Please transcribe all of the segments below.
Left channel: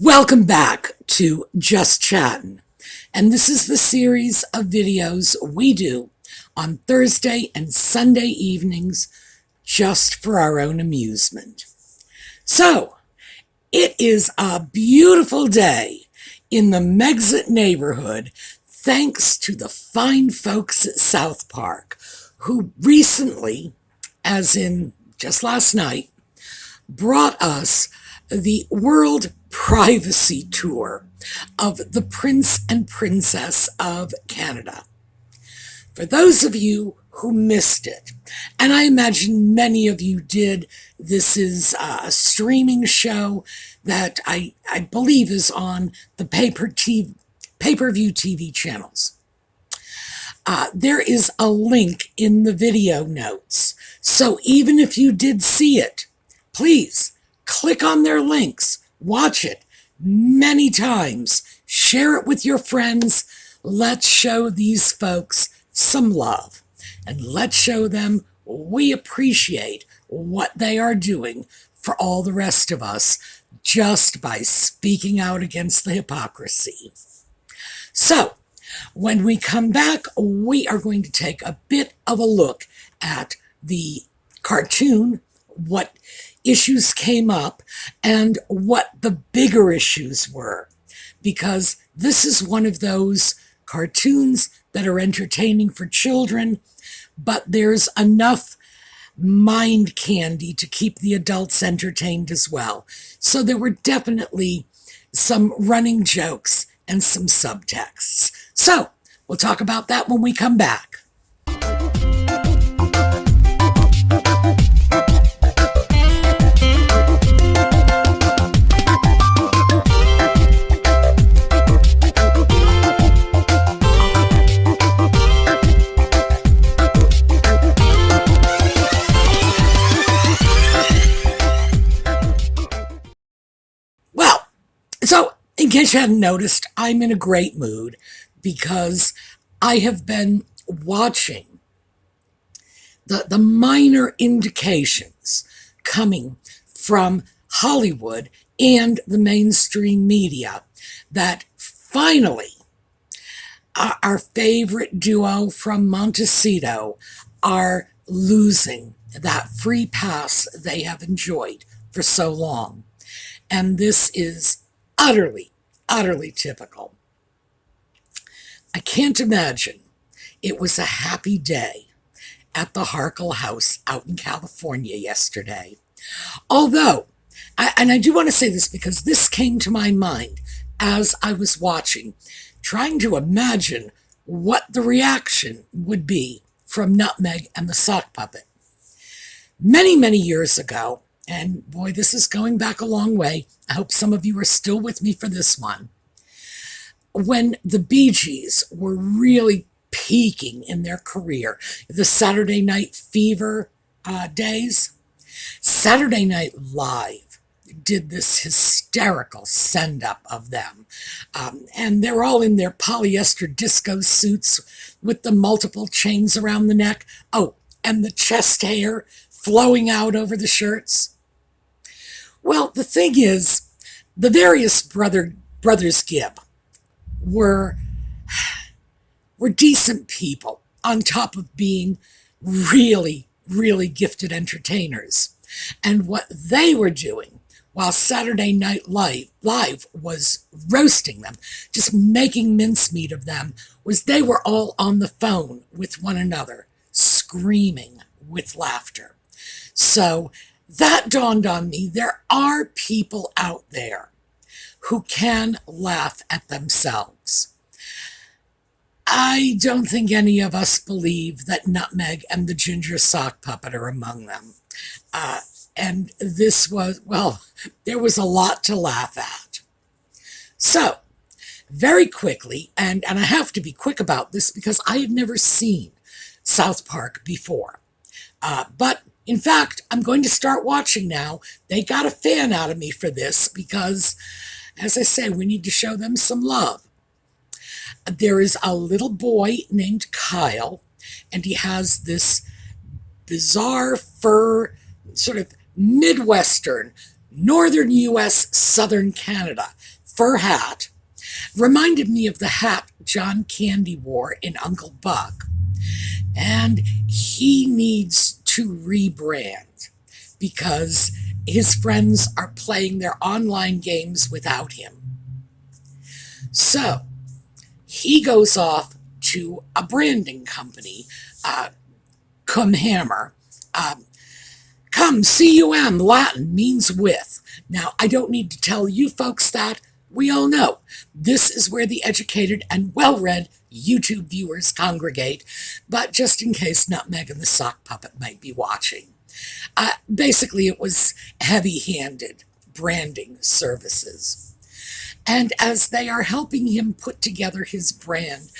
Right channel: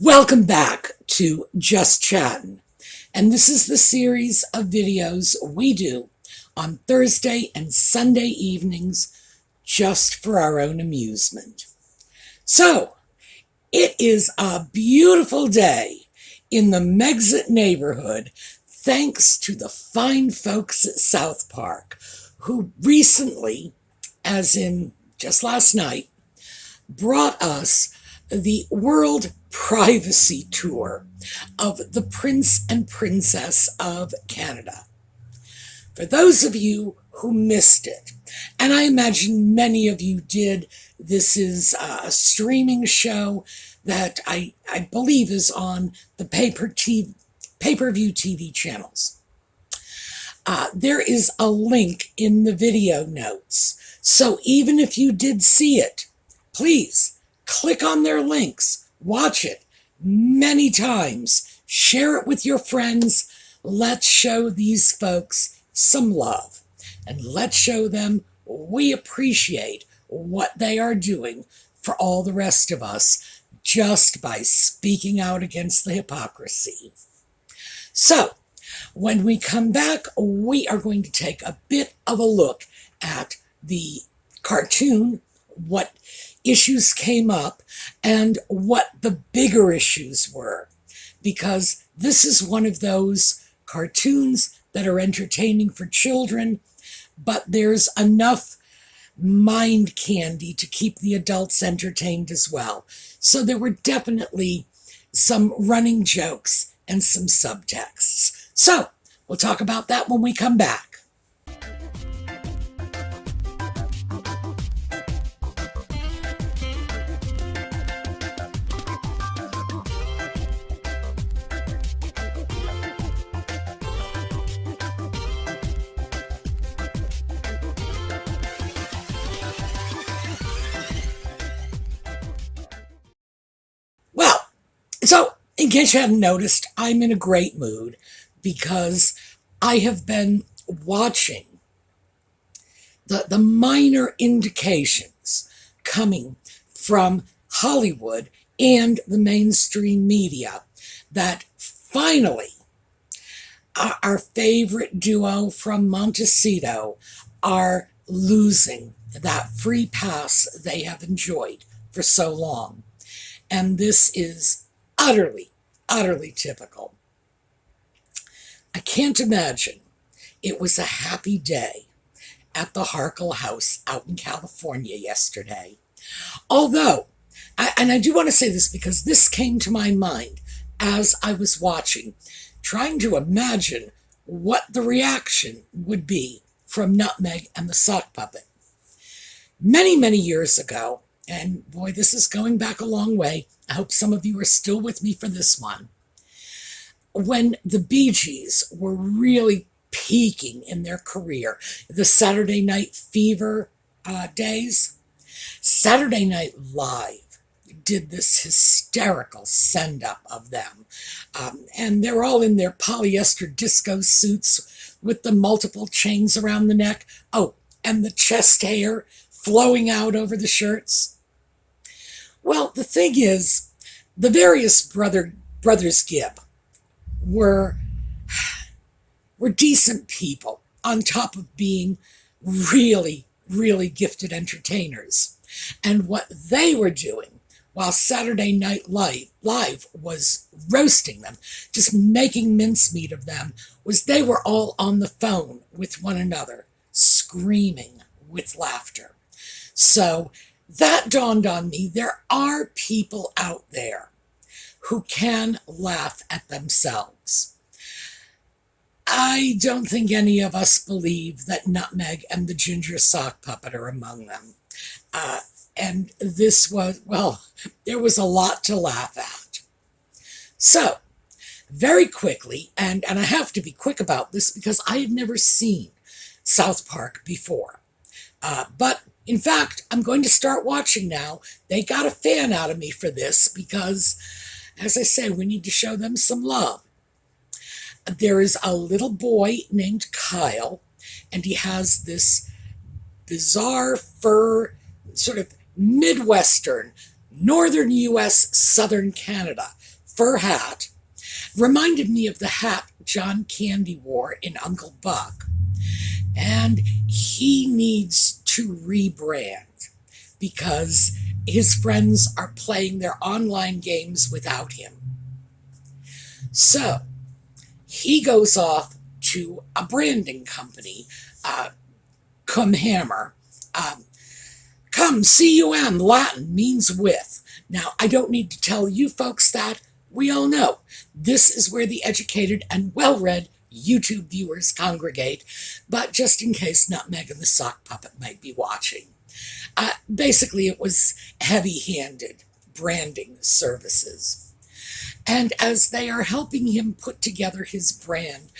Welcome back to Just Chattin', and this is the series of videos we do on Thursday and Sunday evenings just for our own amusement. So, it is a beautiful day in the Megxit neighborhood thanks to the fine folks at Southpark who recently, as in just last night, brought us the World Privacy Tour of the Prince and Princess of Canada. For those of you who missed it, and I imagine many of you did, this is a streaming show that I believe is on the pay-per-view TV channels. There is a link in the video notes, so even if you did see it, please click on their links, watch it many times, share it with your friends. Let's show these folks some love, and let's show them we appreciate what they are doing for all the rest of us just by speaking out against the hypocrisy. So, when we come back, we are going to take a bit of a look at the cartoon, what issues came up, and what the bigger issues were. Because this is one of those cartoons that are entertaining for children, but there's enough mind candy to keep the adults entertained as well. So there were definitely some running jokes and some subtexts. So we'll talk about that when we come back. So, in case you hadn't noticed, I'm in a great mood because I have been watching the minor indications coming from Hollywood and the mainstream media that finally our favorite duo from Montecito are losing that free pass they have enjoyed for so long. And this is utterly typical. I can't imagine it was a happy day at the Harkle House out in California yesterday. Although, and I do want to say this because this came to my mind as I was watching, trying to imagine what the reaction would be from Nutmeg and the Sock Puppet. Many years ago, and boy, this is going back a long way. I hope some of you are still with me for this one. When the Bee Gees were really peaking in their career, the Saturday Night Fever days, Saturday Night Live did this hysterical send-up of them. And they're all in their polyester disco suits with the multiple chains around the neck. Oh, and the chest hair flowing out over the shirts. Well, the thing is, the various brothers Gibb were decent people on top of being really gifted entertainers. And what they were doing while Saturday Night Live was roasting them, just making mincemeat of them, was they were all on the phone with one another, screaming with laughter. So that dawned on me. There are people out there who can laugh at themselves. I don't think any of us believe that Nutmeg and the Ginger Sock Puppet are among them. And this was, well, there was a lot to laugh at. So, very quickly, and I have to be quick about this because I had never seen Southpark before. But in fact, I'm going to start watching now. They got a fan out of me for this because, as I say, we need to show them some love. There is a little boy named Kyle, and he has this bizarre fur, sort of Midwestern, Northern U.S., Southern Canada fur hat. Reminded me of the hat John Candy wore in Uncle Buck. And he needs to rebrand because his friends are playing their online games without him. So he goes off to a branding company, Cum Hammer. Cum, C-U-M, Latin, means with. Now, I don't need to tell you folks that. We all know. This is where the educated and well-read YouTube viewers congregate, but just in case Nutmeg and the Sock Puppet might be watching. Basically, it was heavy-handed branding services. And as they are helping him put together his brand,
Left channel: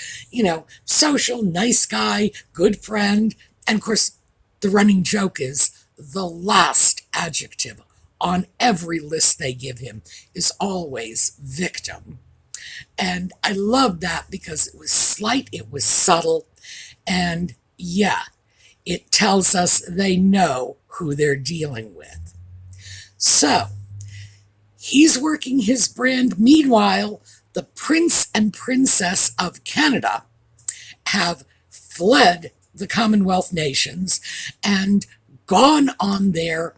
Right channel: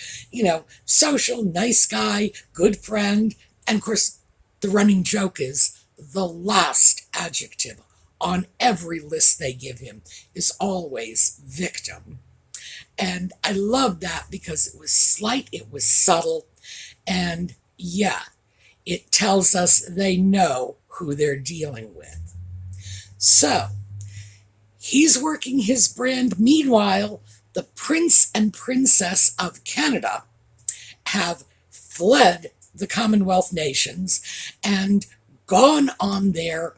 social, nice guy, good friend, and of course, the running joke is the last adjective on every list they give him is always victim. And I love that because it was slight, it was subtle, and yeah, it tells us they know who they're dealing with. So, he's working his brand. Meanwhile, the Prince and Princess of Canada have fled the Commonwealth nations and gone on their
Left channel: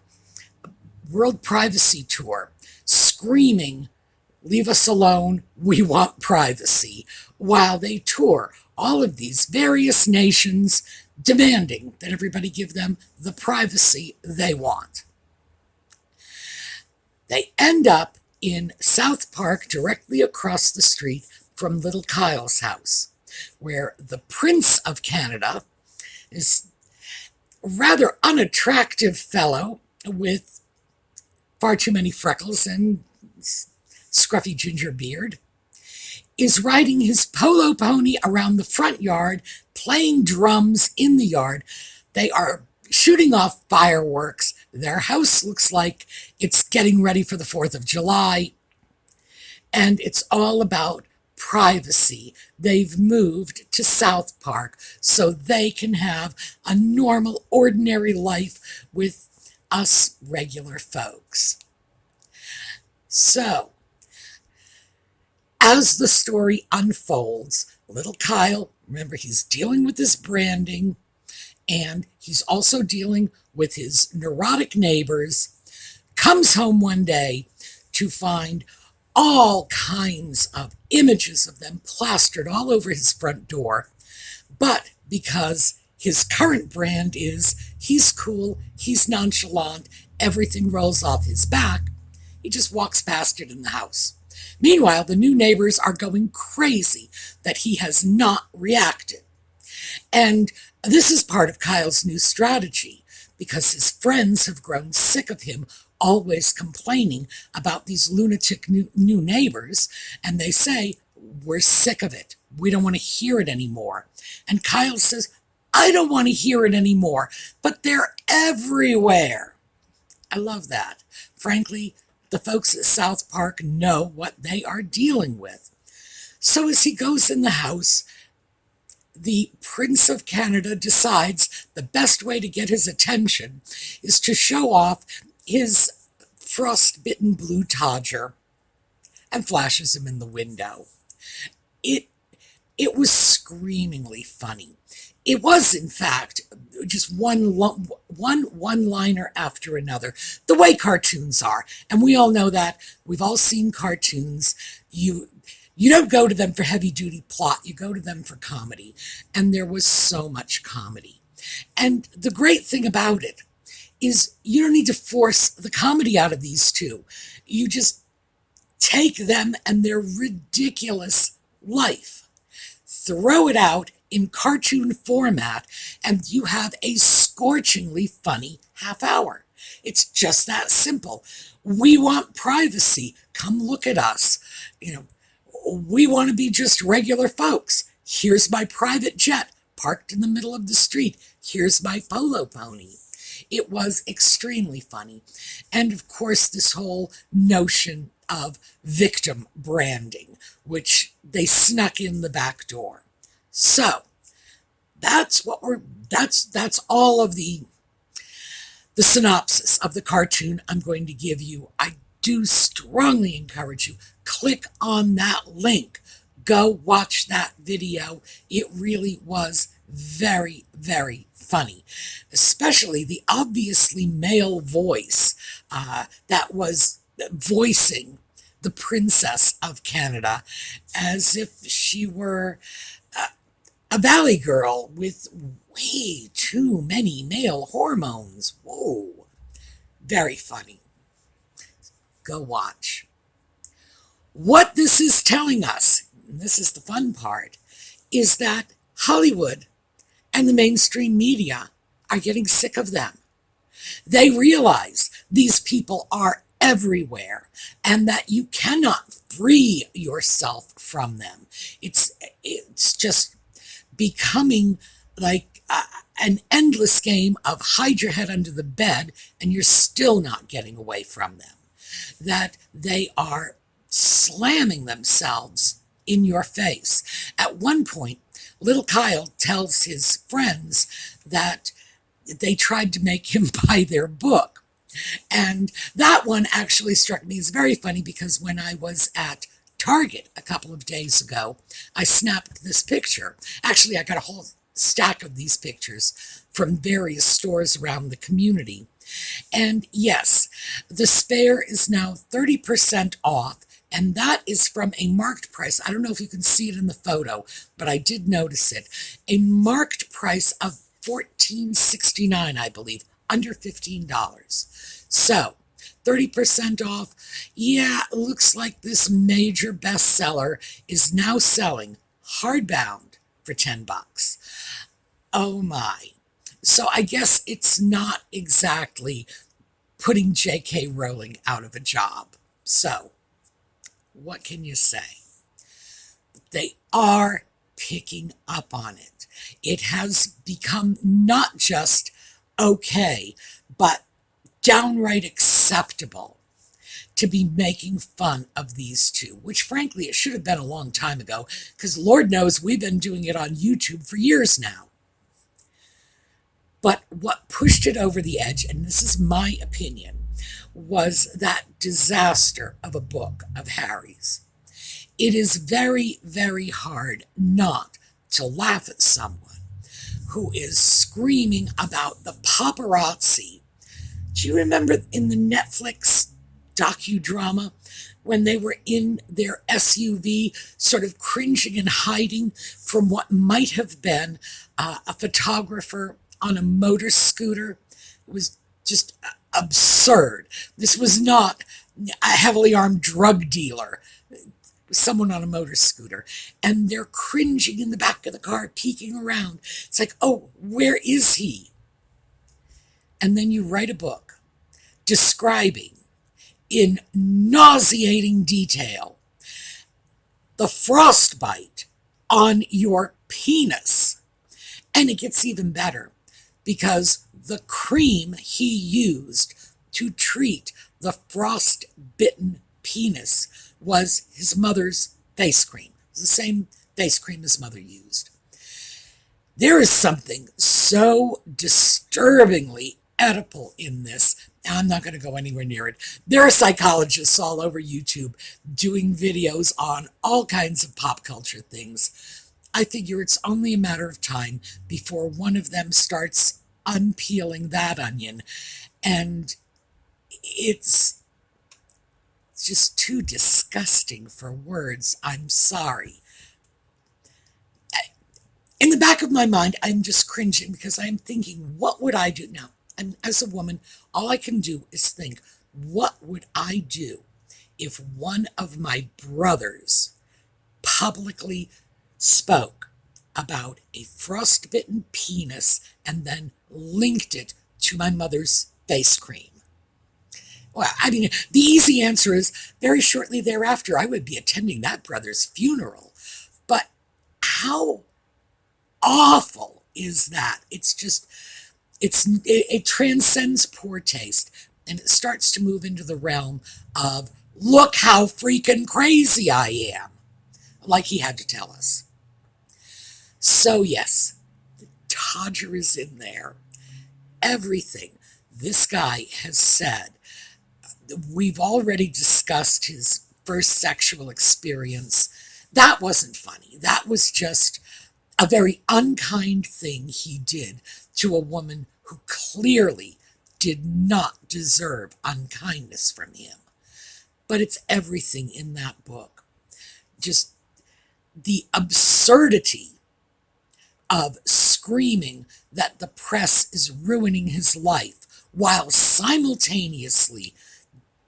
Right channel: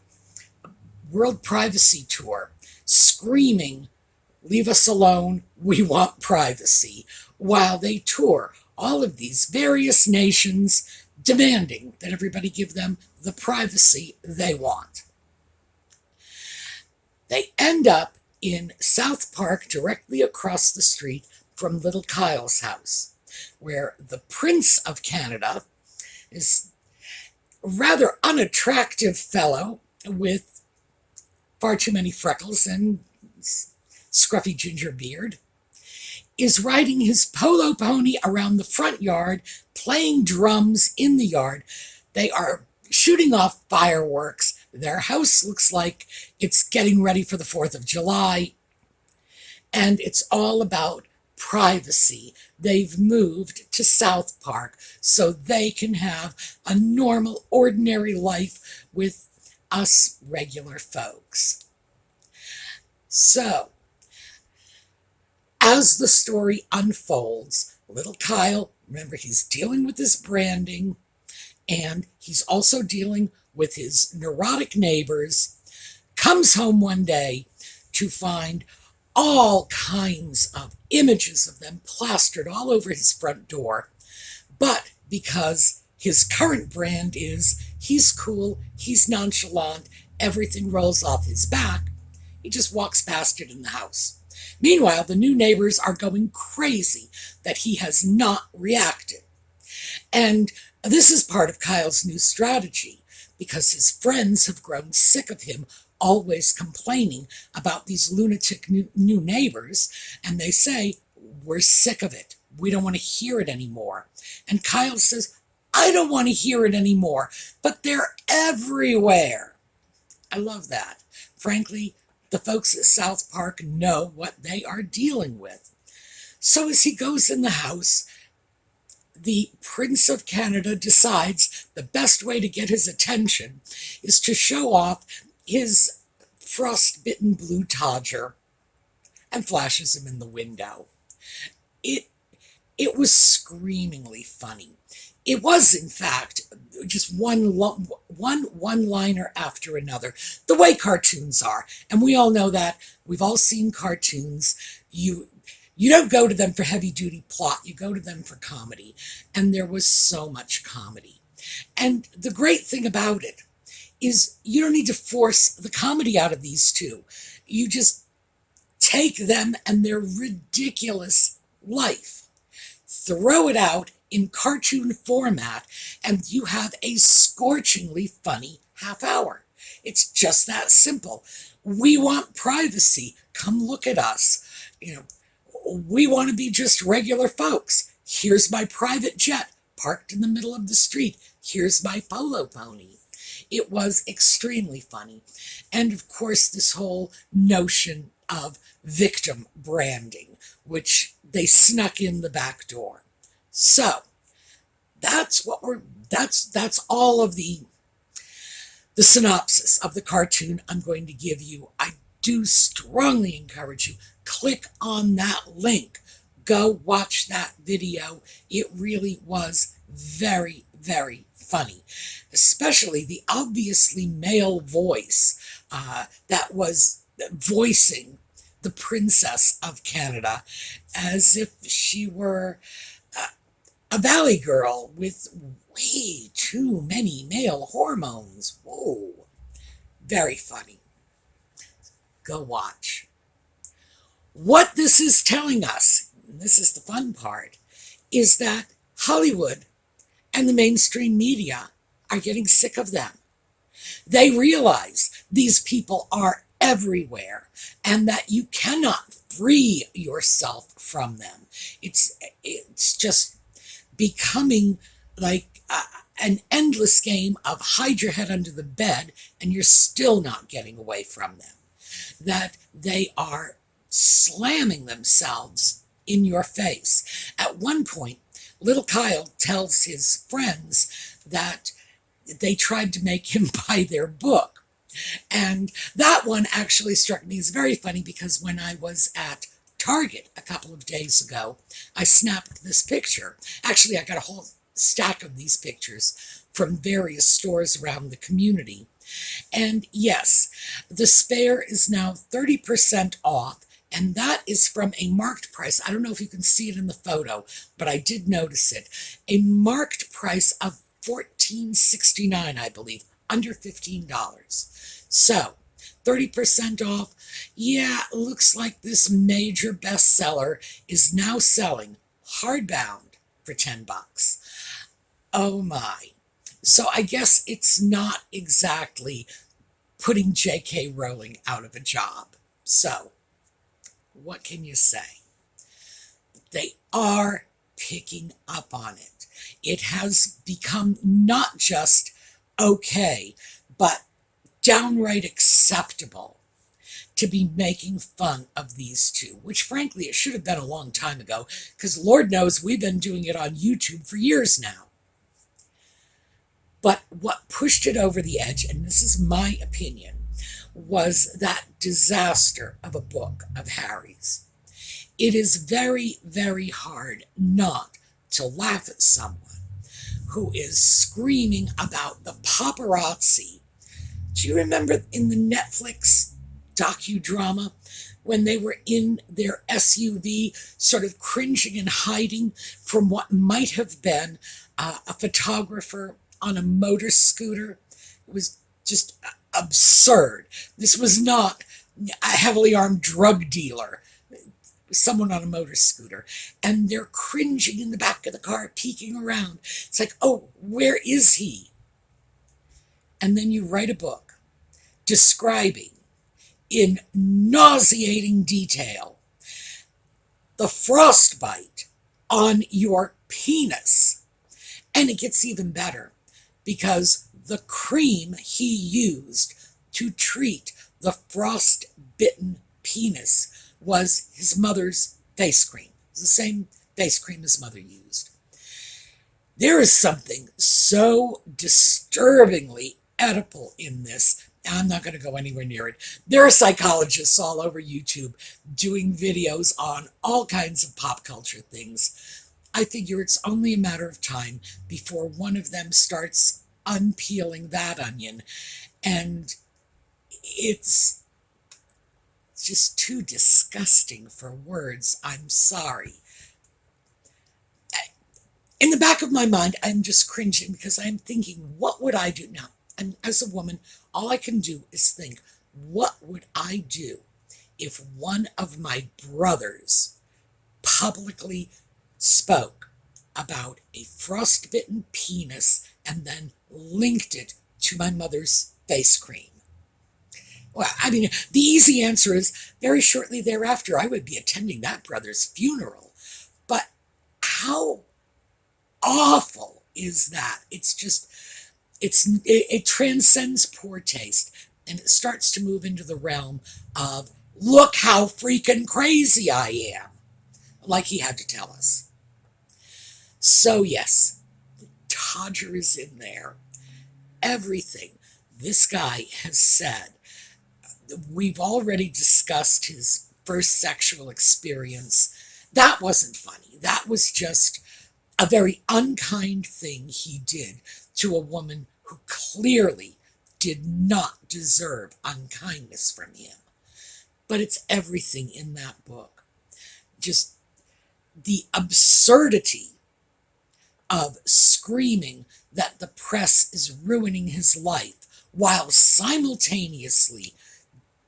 World Privacy Tour, screaming, "Leave us alone, we want privacy," while they tour all of these various nations, demanding that everybody give them the privacy they want. They end up in Southpark, directly across the street from little Kyle's house, where the Prince of Canada is a rather unattractive fellow with far too many freckles and scruffy ginger beard, is riding his polo pony around the front yard, playing drums in the yard. They are shooting off fireworks. Their house looks like it's getting ready for the 4th of July. And it's all about privacy. They've moved to Southpark so they can have a normal, ordinary life with us regular folks. So, as the story unfolds, little Kyle, remember, he's dealing with his branding, and he's also dealing with his neurotic neighbors, comes home one day to find all kinds of images of them plastered all over his front door. But because his current brand is he's cool, he's nonchalant, everything rolls off his back, he just walks past it in the house. Meanwhile, the new neighbors are going crazy that he has not reacted. And this is part of Kyle's new strategy, because his friends have grown sick of him always complaining about these lunatic new neighbors, and they say, "We're sick of it. We don't want to hear it anymore." And Kyle says, "I don't want to hear it anymore, but they're everywhere." I love that. Frankly, the folks at Southpark know what they are dealing with. So as he goes in the house, the Prince of Canada decides the best way to get his attention is to show off his frostbitten blue Todger and flashes him in the window. It was screamingly funny. It was, in fact, just one one-liner after another, the way cartoons are. And we all know that. We've all seen cartoons. You don't go to them for heavy-duty plot. You go to them for comedy. And there was so much comedy. And the great thing about it is you don't need to force the comedy out of these two. You just take them and their ridiculous life, throw it out in cartoon format, and you have a scorchingly funny half hour. It's just that simple. We want privacy. Come look at us. We want to be just regular folks. Here's my private jet parked in the middle of the street. Here's my polo pony. It was extremely funny. And of course, this whole notion of victim branding, which they snuck in the back door. So that's all of the the synopsis of the cartoon I'm going to give you. I do strongly encourage you, click on that link. Go watch that video. It really was very, very funny, especially the obviously male voice that was voicing the Princess of Canada as if she were a valley girl with way too many male hormones. Whoa, very funny. Go watch. What this is telling us, and this is the fun part, is that Hollywood and the mainstream media are getting sick of them. They realize these people are everywhere and that you cannot free yourself from them. It's just becoming like an endless game of hide your head under the bed and you're still not getting away from them. That they are slamming themselves in your face. At one point, little Kyle tells his friends that they tried to make him buy their book. And that one actually struck me as very funny because when I was at Target a couple of days ago, I snapped this picture. Actually, I got a whole stack of these pictures from various stores around the community. And yes, the spare is now 30% off, and that is from a marked price. I don't know if you can see it in the photo, but I did notice it. A marked price of $14.69, I believe, under $15. So, 30% off. Yeah, it looks like this major bestseller is now selling hardbound for $10. Oh my. So I guess it's not exactly putting J.K. Rowling out of a job. So, what can you say? They are picking up on it. It has become not just okay, but downright acceptable to be making fun of these two, which frankly it should have been a long time ago, because Lord knows we've been doing it on YouTube for years now. But what pushed it over the edge, and this is my opinion, was that disaster of a book of Harry's. It is very, very hard not to laugh at someone who is screaming about the paparazzi. Do you remember in the Netflix docudrama when they were in their SUV sort of cringing and hiding from what might have been a photographer on a motor scooter? It was just absurd. This was not a heavily armed drug dealer. It was someone on a motor scooter. And they're cringing in the back of the car, peeking around. It's like, oh, where is he? And then you write a book describing in nauseating detail the frostbite on your penis. And it gets even better because the cream he used to treat the frost-bitten penis was his mother's face cream. It was the same face cream his mother used. There is something so disturbingly Oedipal in this. I'm not going to go anywhere near it. There are psychologists all over YouTube doing videos on all kinds of pop culture things. I figure it's only a matter of time before one of them starts unpeeling that onion. And it's just too disgusting for words. I'm sorry. In the back of my mind, I'm just cringing because I'm thinking, what would I do now? And as a woman, all I can do is think, what would I do if one of my brothers publicly spoke about a frostbitten penis and then linked it to my mother's face cream? Well, I mean, the easy answer is very shortly thereafter, I would be attending that brother's funeral. But how awful is that? It's just, it transcends poor taste, and it starts to move into the realm of, look how freaking crazy I am, like he had to tell us. So yes, the Dodger is in there. Everything. This guy has said, we've already discussed his first sexual experience. That wasn't funny. That was just a very unkind thing he did to a woman who clearly did not deserve unkindness from him. But it's everything in that book. Just the absurdity of screaming that the press is ruining his life while simultaneously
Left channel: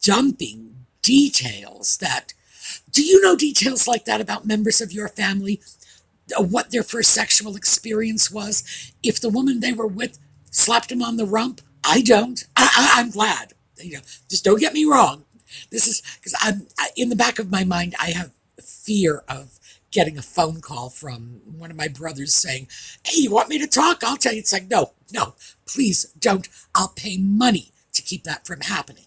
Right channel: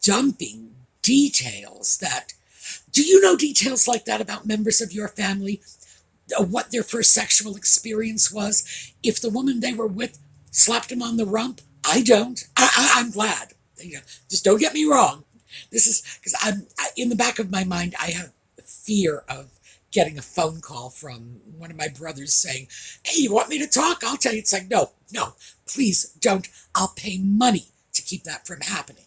dumping details that, do you know details like that about members of your family? What their first sexual experience was? If the woman they were with slapped him on the rump? I don't. I'm glad. Just don't get me wrong. This is because in the back of my mind, I have fear of getting a phone call from one of my brothers saying, "Hey, you want me to talk? I'll tell you." It's like, no, please don't. I'll pay money to keep that from happening.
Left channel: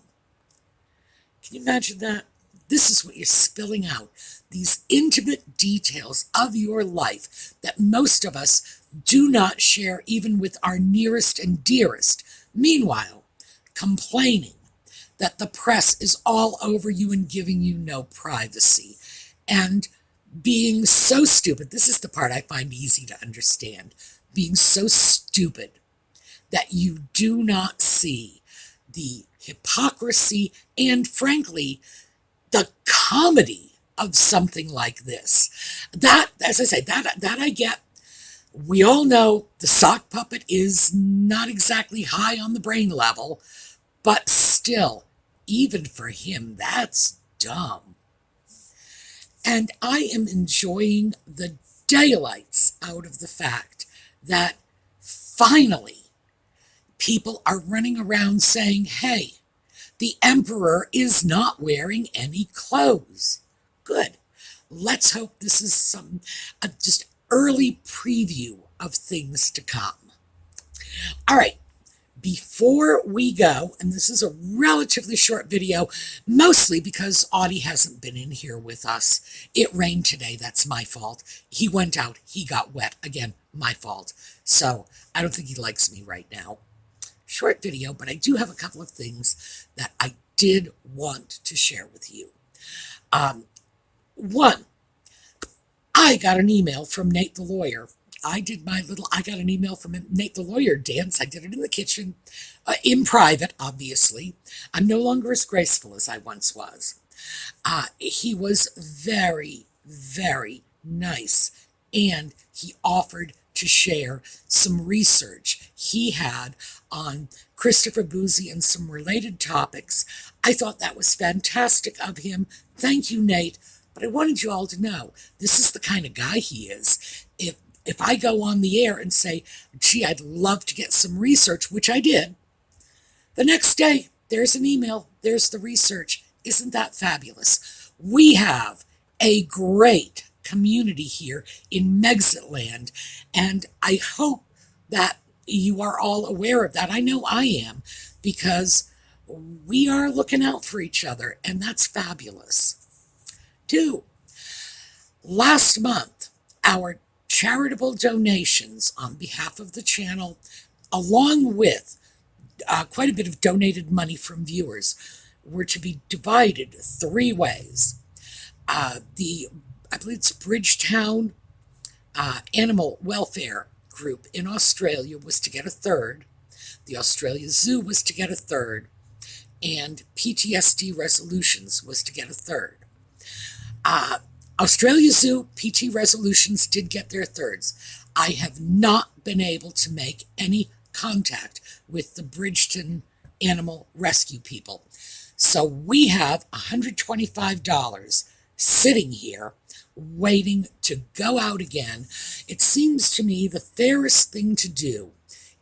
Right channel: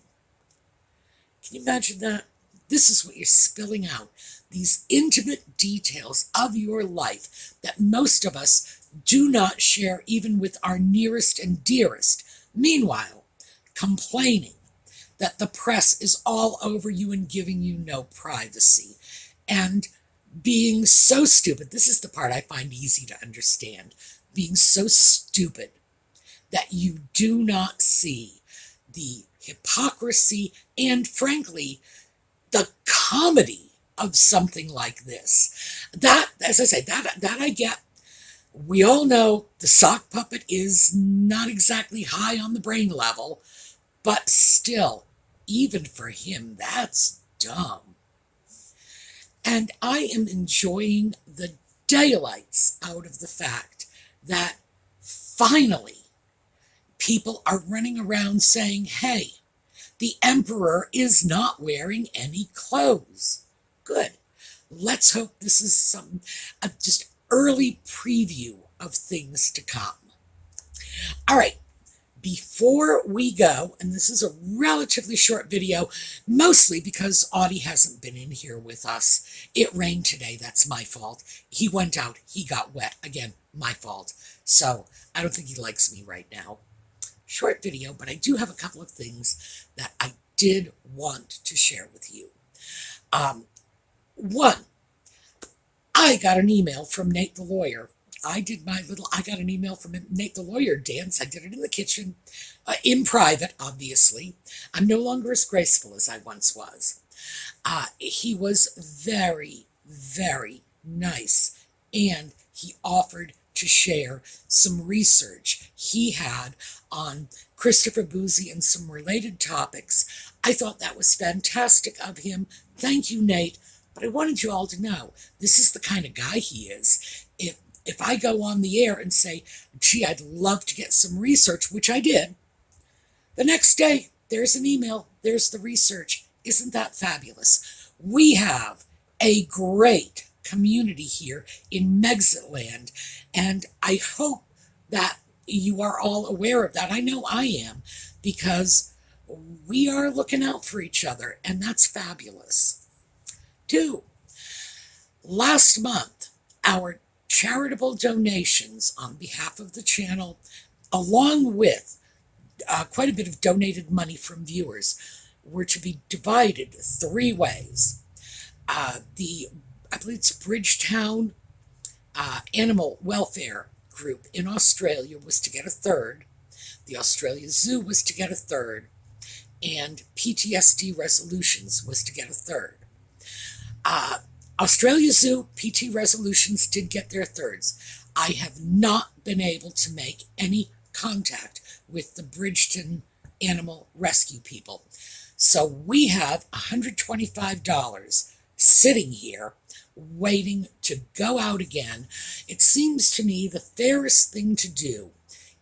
Can you imagine that? This is what you're spilling out. These intimate details of your life that most of us do not share even with our nearest and dearest. Meanwhile, complaining that the press is all over you and giving you no privacy. And being so stupid, this is the part I find easy to understand, being so stupid that you do not see the hypocrisy and, frankly, the comedy of something like this. That, as I say, that I get. We all know the sock puppet is not exactly high on the brain level, but still, even for him, that's dumb. And I am enjoying the daylights out of the fact that finally people are running around saying, hey, the emperor is not wearing any clothes. Good. Let's hope this is some just early preview of things to come. All right. Before we go, and this is a relatively short video, mostly because Audie hasn't been in here with us. It rained today. That's my fault. He went out. He got wet. Again, my fault. So I don't think he likes me right now. Short video, but I do have a couple of things that I did want to share with you. One, I got an email from Nate the lawyer. I got an email from Nate the lawyer dance. I did it in the kitchen, in private, obviously. I'm no longer as graceful as I once was. He was very, very nice, and he offered to share some research he had on Christopher Boozy and some related topics. I thought that was fantastic of him. Thank you, Nate. But I wanted you all to know, this is the kind of guy he is. If I go on the air and say, gee, I'd love to get some research, which I did, the next day, there's an email, there's the research. Isn't that fabulous? We have a great community here in Megxitland, and I hope that you are all aware of that. I know I am, because we are looking out for each other, and that's fabulous. 2, last month, our charitable donations on behalf of the channel, along with quite a bit of donated money from viewers, were to be divided 3 ways. I believe it's Bridgetown Animal Welfare Group in Australia was to get 1/3. The Australia Zoo was to get 1/3. And PTSD Resolutions was to get 1/3. Australia Zoo, PT Resolutions did get their 1/3. I have not been able to make any contact with the Bridgeton Animal Rescue people. So we have $125 sitting here waiting to go out again. It seems to me the fairest thing to do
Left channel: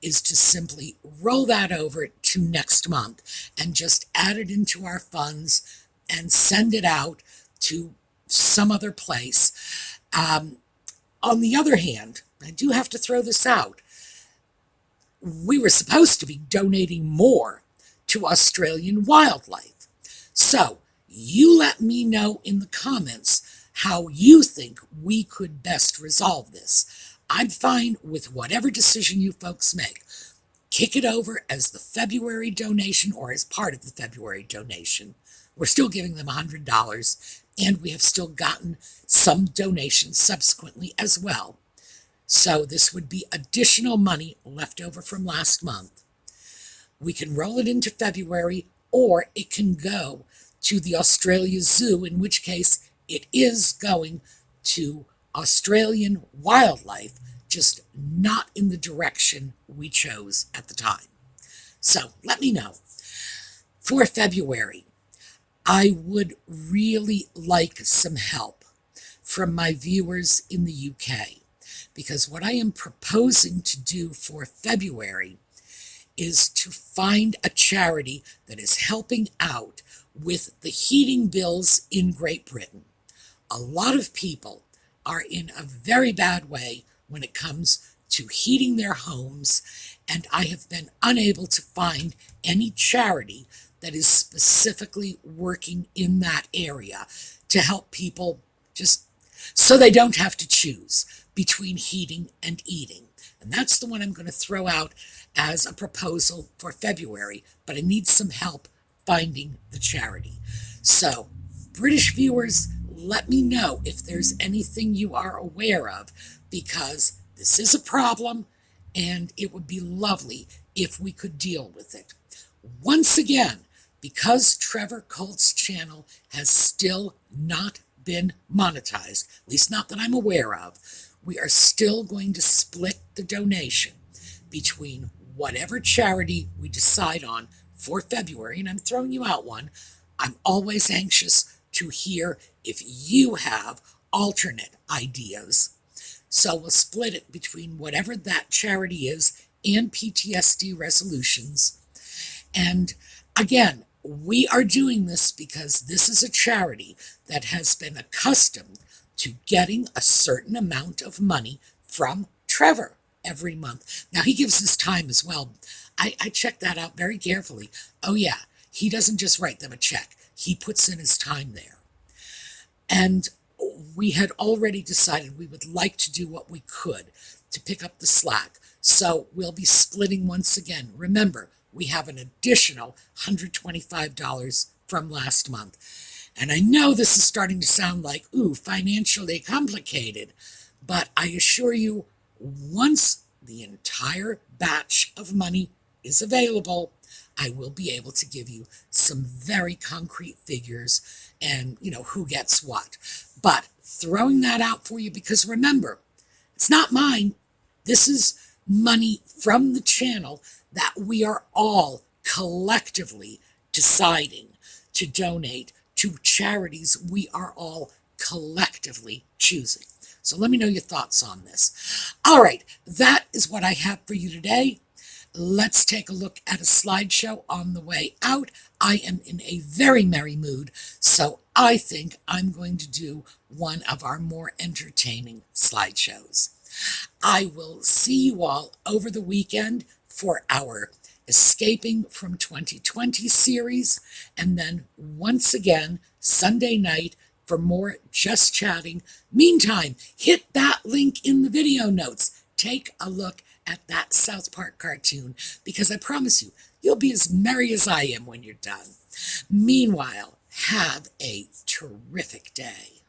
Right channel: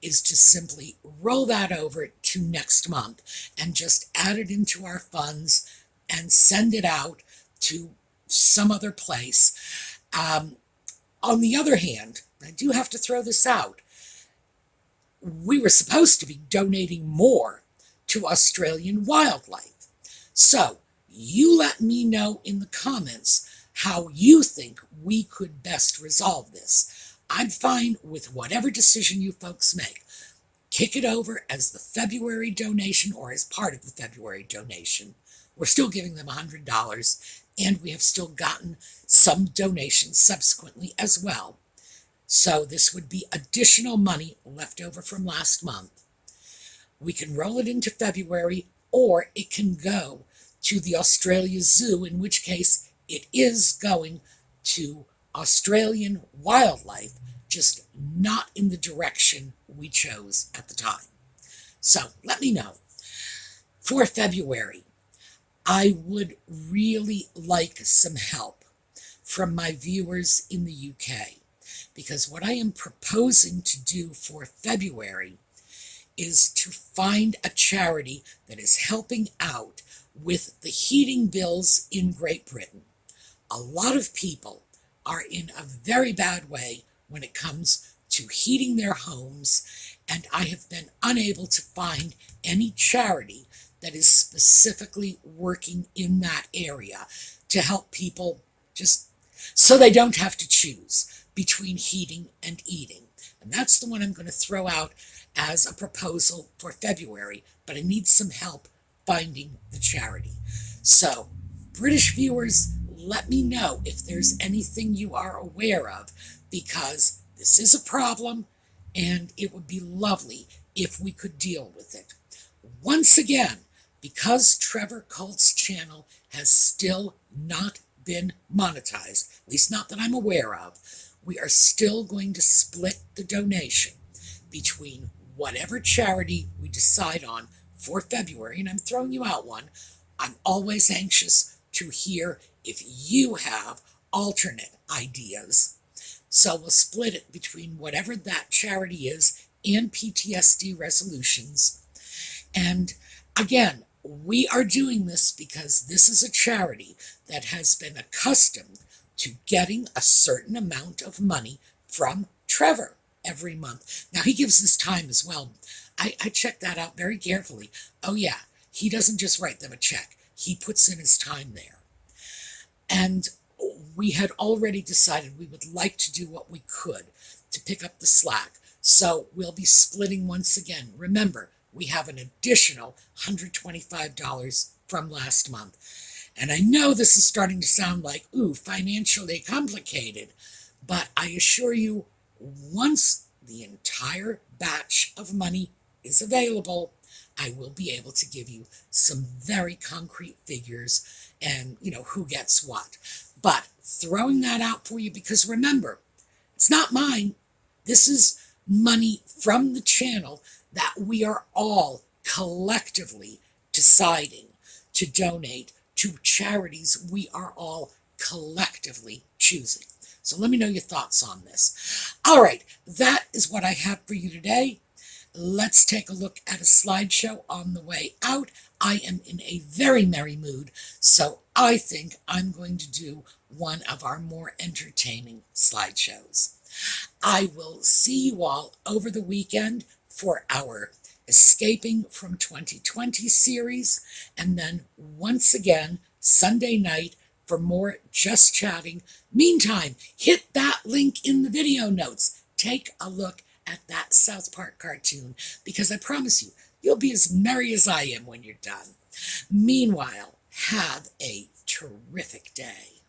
is to simply roll that over to next month and just add it into our funds and send it out to some other place. On the other hand, I do have to throw this out. We were supposed to be donating more to Australian wildlife. So you let me know in the comments how you think we could best resolve this. I'm fine with whatever decision you folks make. kick it over as the February donation or as part of the February donation. We're still giving them $100, and we have still gotten some donations subsequently as well. So this would be additional money left over from last month. We can roll it into February, or it can go to the Australia Zoo, in which case it is going to Australian wildlife, just not in the direction we chose at the time. So let me know. For February, I would really like some help from my viewers in the UK, because what I am proposing to do for February is to find a charity that is helping out with the heating bills in Great Britain. A lot of people are in a very bad way when it comes to heating their homes, and I have been unable to find any charity that is specifically working in that area to help people just so they don't have to choose between heating and eating. And that's the one I'm going to throw out as a proposal for February, but I need some help finding the charity. So, British viewers, let me know if there's anything you are aware of, because this is a problem and it would be lovely if we could deal with it. Once again, because Trevor Colt's channel has still not been monetized, at least not that I'm aware of, we are still going to split the donation between whatever charity we decide on for February, and I'm throwing you out one. I'm always anxious to hear if you have alternate ideas. So we'll split it between whatever that charity is and PTSD resolutions. And again, we are doing this because this is a charity that has been accustomed to getting a certain amount of money from Trevor every month. Now, he gives his time as well. I checked that out very carefully. Oh, yeah, he doesn't just write them a check. He puts in his time there. And we had already decided we would like to do what we could to pick up the slack. So we'll be splitting once again. Remember, we have an additional $125 from last month. And I know this is starting to sound like, ooh, financially complicated, but I assure you, once the entire batch of money is available, I will be able to give you some very concrete figures and, who gets what. But throwing that out for you, because remember, it's not mine. This is money from the channel that we are all collectively deciding to donate to charities we are all collectively choosing. So let me know your thoughts on this. All right, that is what I have for you today. Let's take a look at a slideshow on the way out. I am in a very merry mood, so I think I'm going to do one of our more entertaining slideshows. I will see you all over the weekend for our Escaping from 2020 series, and then once again Sunday night for more Just Chatting. Meantime, hit that link in the video notes. Take a look at that Southpark cartoon, because I promise you, you'll be as merry as I am when you're done. Meanwhile, have a terrific day.